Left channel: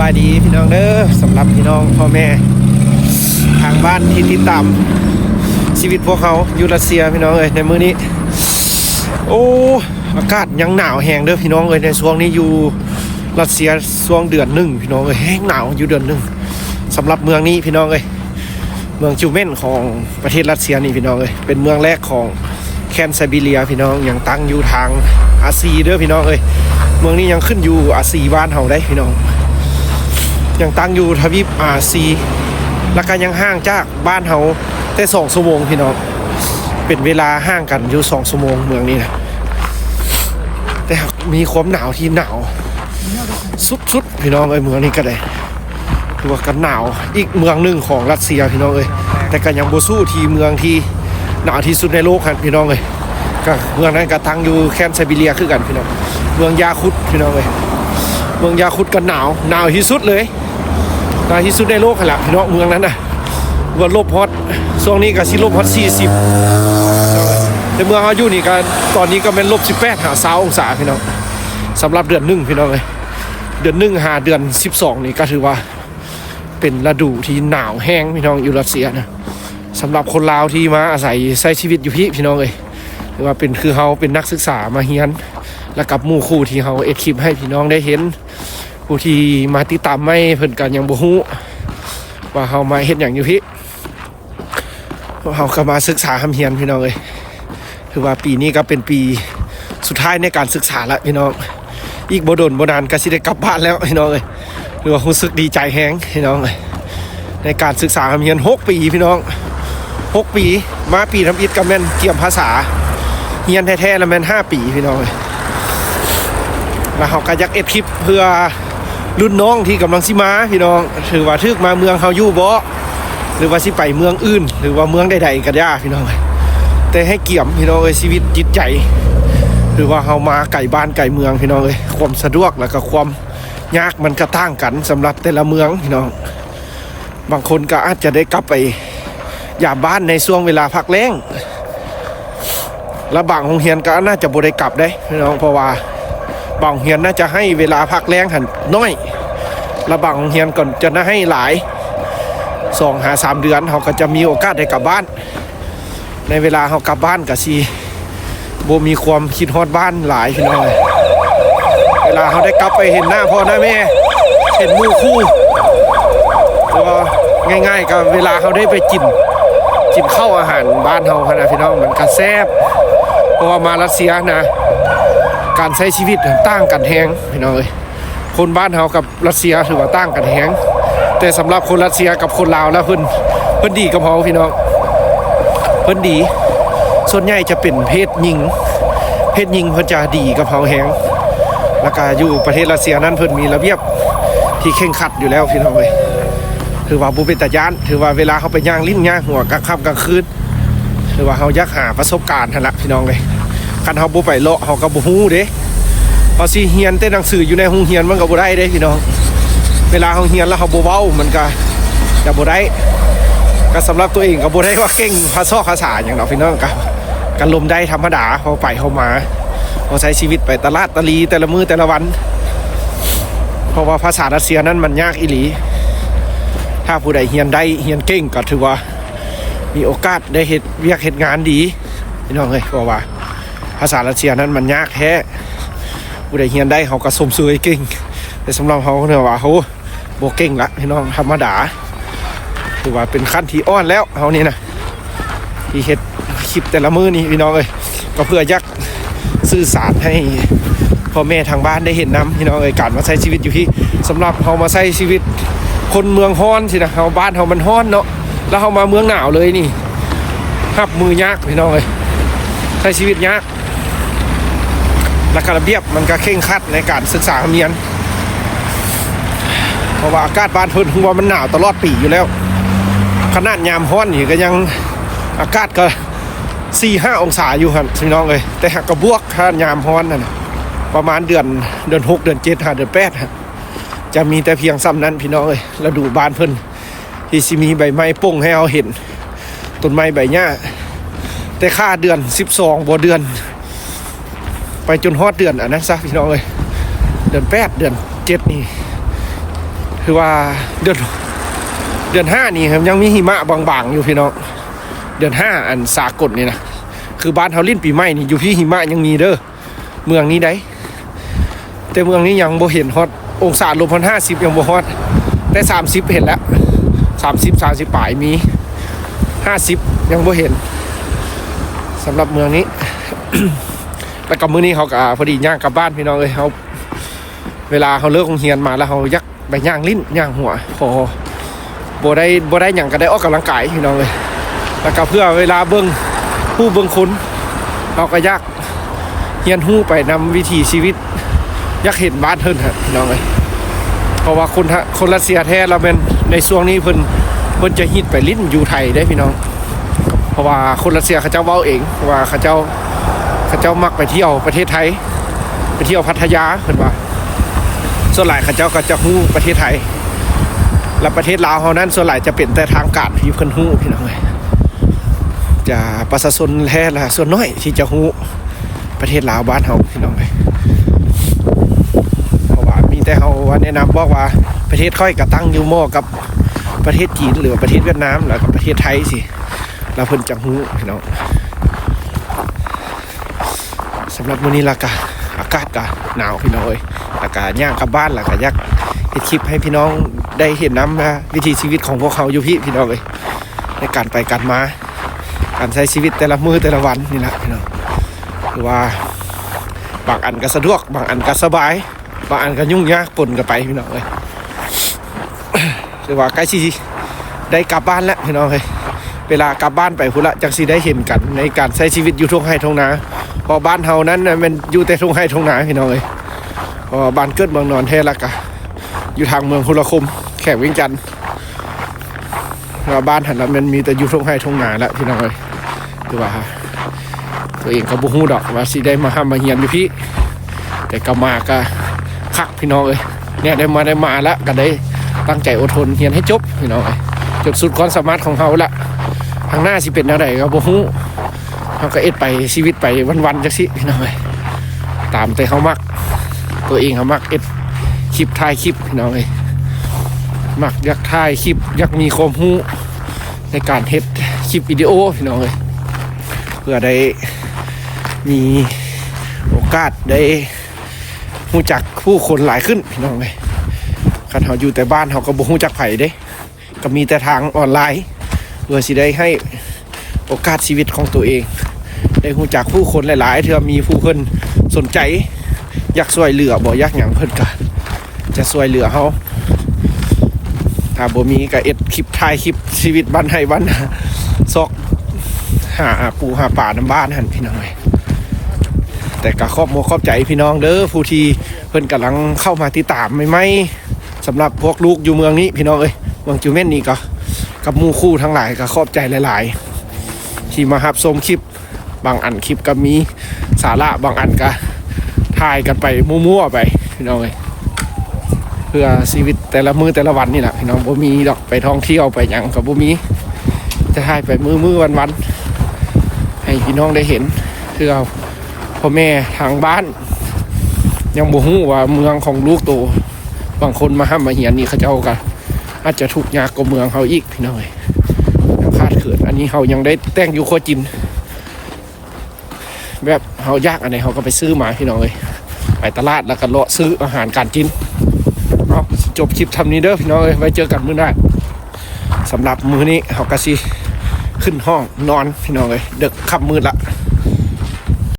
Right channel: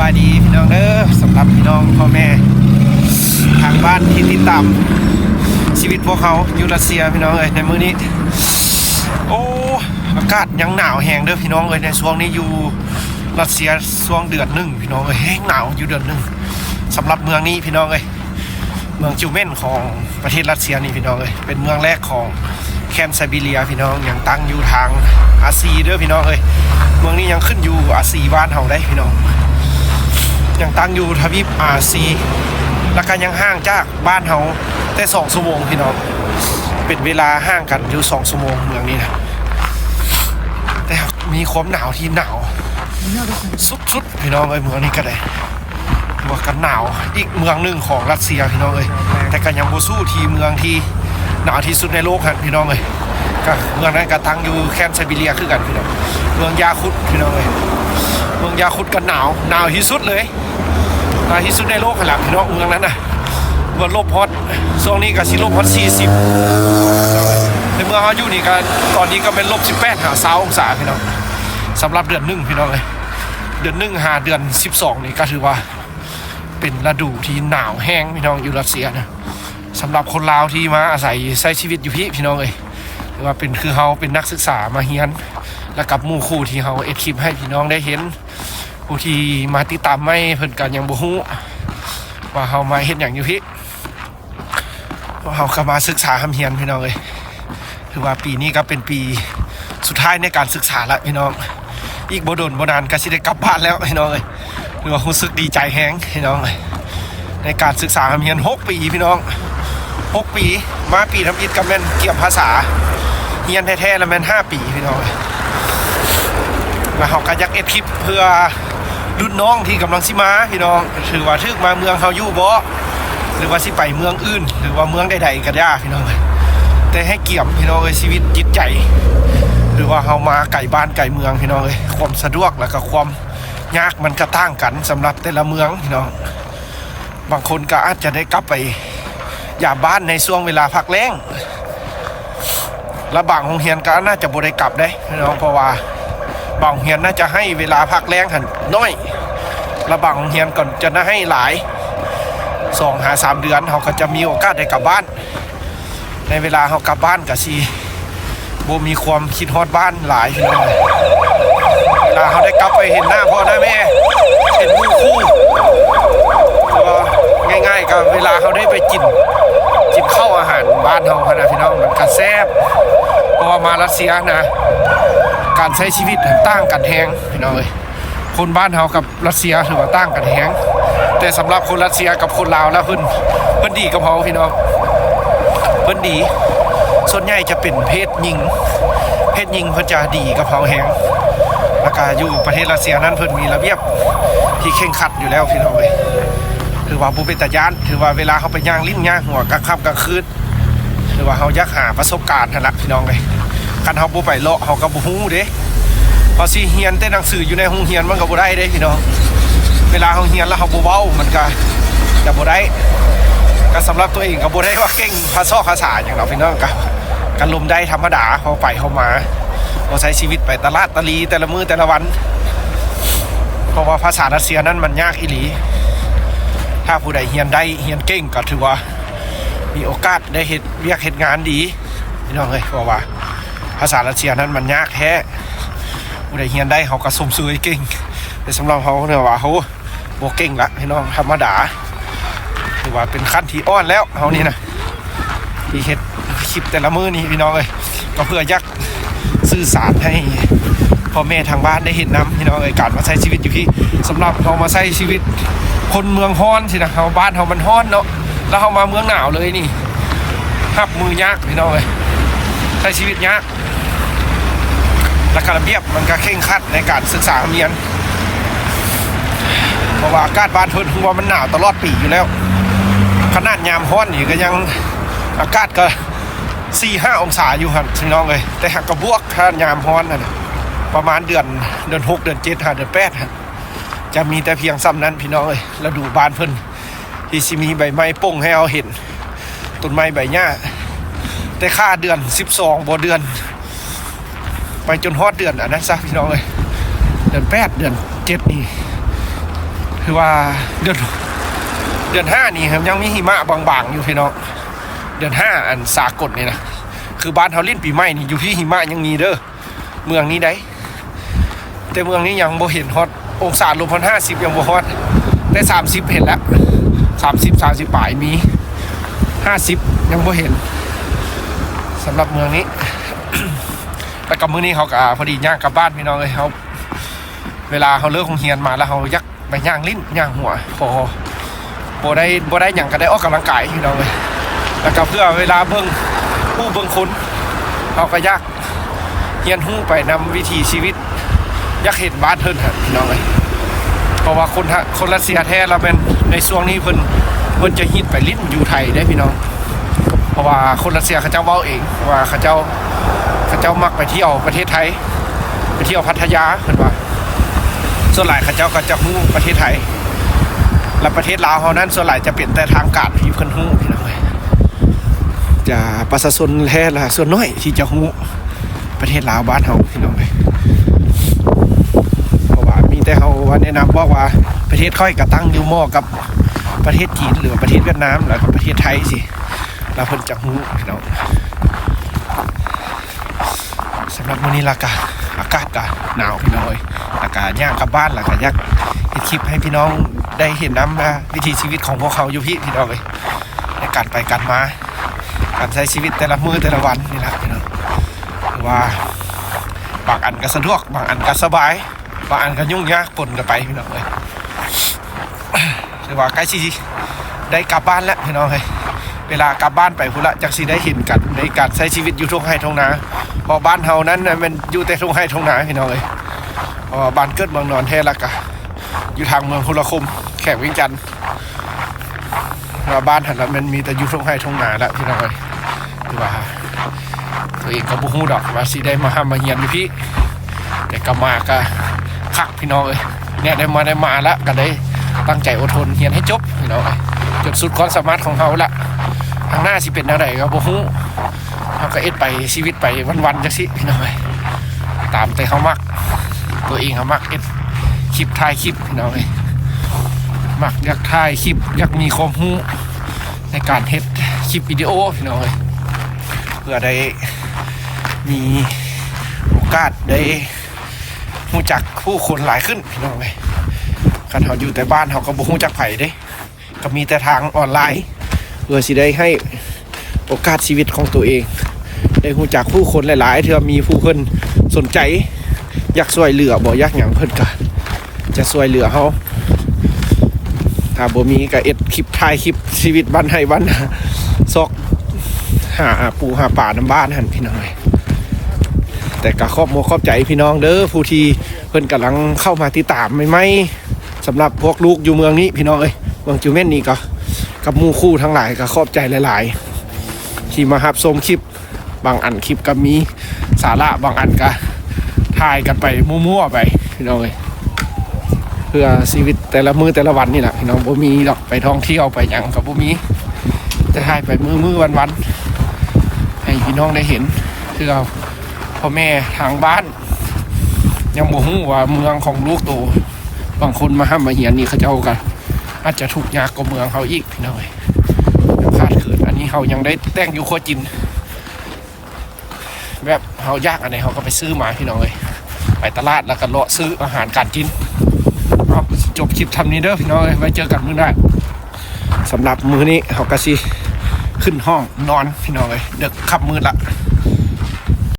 บายดีพี่น้องเด้อสำหรับพี่น้องพ่อแม่ทางบ้านที่ติดตามชีวิตพวกเขาอยู่รัสเซียพี่น้องเอ้ยในมื้อนี้โอ้อากาศยังหนาวแห้งเด้อพี่น้องเอ้ยในช่วงนี้อยู่รัสเซียช่วงเดือนหนึ่งพี่น้องเอ้ยแห้งหนาวอยู่เดือนหนึ่งสำหรับเมืองนี้พี่น้องเอ้ยเมืองจิวเม่นของประเทศรัสเซียนี่พี่น้องเอ้ยเป็นเมืองแรกของแคนไซบีเรียพี่น้องยังตั้งอยู่ทางอาซีเด้อพี่น้องเอ้ยเมืองนี้ยังขึ้นอยู่อาซีบ้านเฮาได้พี่น้องยังตั้งอยู่ทวีปอาซีแล้วก็ยังห่างจากบ้านเฮาแต่2 ชั่วโมงพี่น้องเป็นเวลาห่างกันอยู่2 ชั่วโมงเมืองนี้นะแต่มีความหนาวที่หนาวสุดๆพี่น้องเอ้ยเมืองนี้ก็ได้ถือว่ากันหนาวอีกเมืองหนึ่งของรัสเซียพี่น้องเอ้ยแต่ก็ยังบ่สู้ที่เมืองที่หนาวที่สุดในโลกครับพี่น้องเอ้ยก็เมืองนั้นก็ตั้งอยู่แคนไซบีเรียคือกันพี่น้องเมืองยาคุตพี่น้องเอ้ยเมืองยาคุตก็หนาวที่สุดเลยหนาวที่สุดในโลกขนาดพี่น้องเมืองนั้นน่ะวันลบฮอตช่วงนี้ก็สิลบฮอต40ในเมืองเขาอยู่นี่ก็ตอนนี้ก็เป็น-18 หา20 องศาพี่น้องสำหรับเดือน1พี่น้องเลยเดือน1หาเดือน12นี่ก็ถือว่าเป็นฤดูที่หนาวแห้งพี่น้องอยู่รัสเซียนะสำหรับคนลาวที่มาอาศัยใช้ชีวิตอยู่พี่น้องเลยหรือว่าเป็นคือเขาเป็นนักศึกษามาเรียนแล้วกับหมู่คู่ที่เขาเอ็ดคลิปให้พี่น้องได้เห็นผู้ที่มาติดตามไม่เพิ่นกันยังบ่ฮู้ว่าเขามาเฮ็ดอย่างอยู่พี่เขาก็มาศึกษาทำเรียนพี่น้องเลยคือว่าปีนี้ก็เป็นปีสุดท้ายในการศึกษาแล้วพี่น้องอีกบ่โดนบ่นานก็สิได้กลับบ้านแล้วพี่น้องเลยคือว่ารู้สึกดีใจแฮงพี่น้องเลยในการศึกษาทำเรียน6 ปีพี่น้อง6 ปีมาปีทำอิฐกับแม่นเกี่ยมภาษาเรียนแท้ๆแล้วแม่น5 ปีพี่น้องเลยมาเขาก็อยากเอ็ดคลิปเพื่อรุ่นน้องที่กำลังสิมาพี่น้องถือว่าทึกมาเมืองเฮาอยู่บ่หรือว่าสิไปเมืองอื่นหรือว่าเมืองใดๆก็ได้พี่น้องแต่ให้เกี่ยมพี่น้องเลยชีวิตจิตใจหรือว่าเฮามาไกลบ้านไกลเมืองพี่น้องเลยความสะดวกแล้วก็ความยากมันก็ต่างกันสำหรับแต่ละเมืองพี่น้องบางคนก็อาจจะได้กลับไปยามบ้านในช่วงเวลาพักแล้งและบางโรงเรียนก็น่าจะบ่ได้กลับได้พี่น้องเพราะว่าบางโรงเรียนน่าจะให้เวลาพักแล้งหันน้อยและบางโรงเรียนก่อนจะน่าให้หลาย2-3 เดือนเขาก็จะมีโอกาสได้กลับบ้านในเวลาเขากลับบ้านก็สิบ่มีความคิดฮอดบ้านหลายพี่น้องเวลาเขาได้กลับไปเห็นหน้าพ่อหน้าแม่เห็นหมู่คู่แล้วก็ง่ายๆก็เวลาเขาได้ไปกินข้าวอาหารบ้านเขาขนาดพี่น้องมันก็แซ่บเพราะว่ามารัสเซียนะการใช้ชีวิตต่างกันแฮงพี่น้องคนบ้านเขากับรัสเซียถือว่าต่างกันแฮงแต่สำหรับคนรัสเซียกับคนลาวแล้วเพิ่นดีกับเขาพี่น้องเพิ่นดีส่วนใหญ่จะเป็นเพศหญิงเพิ่นจะดีกับเขาแฮงแล้วก็อยู่ประเทศรัสเซียนั้นเพิ่นมีระเบียบที่เคร่งครัดอยู่แล้วพี่น้องถือว่าผู้เป็นตาญาณถือว่าเวลาเขาไปย่างลิ้นย่างหัวกลางค่ำกลางคืนถือว่าเขาอยากหาประสบการณ์นั่นแหละพี่น้องกันเขาบ่ไปเลาะเขาก็บ่ฮู้เด้เขาสิเรียนแต่หนังสืออยู่ในห้องเรียนมันก็บ่ได้เด้พี่น้องเวลาเขาเรียนแล้วเขาบ่เว้ามันก็จะบ่ได้ก็สำหรับตัวเองก็บ่ได้ว่าเก่งภาษาอย่างเราพี่น้องกันลมได้ธรรมดาเขาไปเขามาเขาใช้ชีวิตไปตลาดตะลีแต่ละมื้อแต่ละวันเพราะว่าภาษารัสเซียนั้นมันยากอีหลีถ้าผู้ใดเรียนได้เรียนเก่งก็ถือว่ามีโอกาสได้เฮ็ดเวียกเฮ็ดงานดีพี่น้องเพราะว่าภาษารัสเซียนั้นมันยากแท้ผู้ใดเรียนได้เขาก็สมซื่อเก่งแต่สำหรับเขาเนี่ยว่าเขาบ่เก่งละพี่น้องธรรมดาถือว่าเป็นขั้นที่อ่อนแล้วเขานี่นะที่เฮ็ดคลิปแต่ละมื้อนี่พี่น้องก็เพื่ออยากสื่อสารให้พ่อแม่ทางบ้านได้เห็นนะพี่น้องการมาใช้ชีวิตอยู่ที่สำหรับเขามาใช้ชีวิตคนเมืองฮ้อนสินะเขาบ้านเขามันฮ้อนเนาะแล้วเขามาเมืองหนาวเลยนี่หับมือยากพี่น้องใช้ชีวิตยากและการระเบียบมันก็เคร่งครัดในการศึกษาเรียนเพราะว่าอากาศบ้านเพิ่นคือว่ามันหนาวตลอดปีอยู่แล้วขนาดยามฮ้อนนี่ก็ยังอากาศก็4-5 องศาอยู่ครับพี่น้องแต่หากกระบวกขนาดยามฮ้อนนั่นประมาณเดือน6เดือน7เดือน8ครับจะมีแต่เพียงซ้ำนั้นพี่น้องแล้วดูบ้านเพิ่นที่สิมีใบไม้ป่งให้เราเห็นต้นไม้ใบหญ้าแต่ค่าเดือน12บ่เดือนไปจนฮอดเดือนอันนั้นซะพี่น้องเดือน8เดือน7นี่ คือว่าเดือน5นี่ครับยังมีหิมะบางๆอยู่พี่น้องเดือน5อันสากลนี่นะคือบ้านเฮาลิ้นปีใหม่นี่อยู่ที่หิมะยังมีเด้อเมืองนี้ได้แต่เมืองนี้ยังบ่เห็นฮอตองศาลบ50ยังบ่ฮอตแต่30เห็นแล้ว30ปลายมี50ยังบ่เห็นสำหรับเมืองนี้ แต่กับมื้อนี้เขาก็พอดีย่างกลับบ้านพี่น้องเลยเขาเวลาเขาเลิกโรงเรียนมาแล้วเขายักไปย่างลิ้นย่างหัวพอบ่ได้อย่างก็ได้ออกกำลังกายพี่น้องเลยแล้วก็เพื่อเวลาเบิ่งผู้เบิ่งคุณเขาก็ยักเฮียนหู้ไปนำวิถีชีวิตยักเห็นบ้านเพิ่นฮะพี่น้องเลยเพราะว่าคนรัสเซียแท้เราเป็นในช่วงนี้เพิ่นจะฮิตไปลิ้นอยู่ไทยได้พี่น้องเพราะว่าคนรัสเซียเขาเจ้าเว้าเองว่าเขาเจ้ามักไปเที่ยวประเทศไทยไปเที่ยวพัทยาเพิ่นว่าส่วนหลายเขาเจ้าก็จะฮู้ประเทศไทยและประเทศลาวเฮานั้นส่วนหลายจะเป็นแต่ทางการที่เพิ่นฮู้พี่น้องจะประชาชนแท้ละส่วนน้อยที่จะฮู้ประเทศลาวบ้านเฮาพี่น้องเพราะว่ามีแต่เฮาแนะนำบอกว่าประเทศค่อยก็ตั้งอยู่หม้อกับประเทศจีนหรือประเทศเวียดนามหรือประเทศไทยสิแล้วเพิ่นจะฮู้พี่น้องสำหรับมื้อนี้อากาศก็หนาวพี่น้องอากาศย่างกลับบ้านแล้วก็อยากเฮ็ดคลิปให้พี่น้องได้เห็นน้ำนะวิถีชีวิตของพวกเขาอยู่พี่น้องในการไปกันมาการใช้ชีวิตแต่ละมื้อแต่ละวันนี่แหละพี่น้องหรือว่าบางอันก็สะดวกบางอันก็สบายบางอันก็ยุ่งยากปนกันไปพี่น้องหรือว่าใกล้สิได้กลับบ้านแล้วพี่น้องเวลากลับบ้านไปพุ่นละจังสิได้เห็นกันในการใช้ชีวิตอยู่ทุ่งไร่ทุ่งนาพอบ้านเฮานั้นมันอยู่แต่ทุ่งไร่ทุ่งนาพี่น้องบ้านเกิดเมืองนอนเทละกะอยู่ทางเมืองพุทธคมแขกวิ่งจันทร์บ้านหันนั้นมันมีแต่อยู่ทุ่งไร่ทุ่งนาละพี่น้องคือว่าตัวเองก็บ่ฮู้ดอกว่าสิได้มาห้ามมาเฮียนอยู่พี่แต่ก็มาก็คักพี่น้องเนี่ยได้มาแล้วก็ได้ตั้งใจอดทนเฮียนให้จบพี่น้องจนสุดความสามารถของเขาละทางหน้าสิเป็นอะไรเราบ่ฮู้เขาก็เอ็ดไปชีวิตไปวันๆจังสิพี่น้องตามแต่เขามักตัวเองเขามักเอ็ดคลิปถ่ายคลิปพี่น้องมักอยากถ่ายคลิปอยากมีความรู้ในการเฮ็ดคลิปวิดีโอพี่น้องเพื่อได้มีโอกาสได้รู้จักผู้คนหลายขึ้นพี่น้องคันเขาอยู่แต่บ้านเขาก็บ่รู้จักไผเด้ก็มีแต่ทางออนไลน์เพื่อสิได้ให้โอกาสชีวิตของตัวเองได้รู้จักผู้คนหลายๆเทื่อมีผู้คนสนใจอยากช่วยเหลือบ่อยากหยังเพิ่นก็จะช่วยเหลือเฮาถ้าบ่มีก็เอ็ดคลิปถ่ายคลิปชีวิตบ้านให้บ้านซอกหาปูหาป่าน้ำบ้านหั่นพี่น้องแต่ก็ขอบใจพี่น้องเด้อผู้ที่เพิ่นกำลังเข้ามาติดตามใหม่ๆสำหรับพวกลูกอยู่เมืองนี้พี่น้องเมืองจิวเม่นนี่ก็กับหมู่คู่ทั้งหลายก็ขอบใจหลายๆที่มารับชมคลิปบางอันคลิปก็มีสาระบางอันก็ถ่ายกันไปมั่วๆไปพี่น้องเพื่อชีวิตแต่ละมื้อแต่ละวันนี่แหละพี่น้องบ่มีดอกไปท่องเที่ยวไปหยังก็บ่มีจะถ่ายไปมื้อวันๆให้พี่น้องได้เห็นคือเราพ่อแม่ทางบ้านยังบ่ฮู้ว่าเมืองของลูกโตบางคนมาห้ามมาเหียนนี่เขาเจ้าก็อาจจะทุกข์ยากกว่าเมืองเขาอีกพี่น้องคาดเกิดอันนี้เขายังได้แต่งอยู่ครัวจินแบบเขายากอันไหนเขาก็ไปซื้อมาพี่น้องไปตลาดแล้วก็เลาะซื้ออาหารการกินจบคลิปทำนี้เด้อพี่น้องไว้เจอกันมื้อหน้าสำหรับมื้อนี้เขาก็สิขึ้นห้องนอนพี่น้องเด็กค่ำมืดละ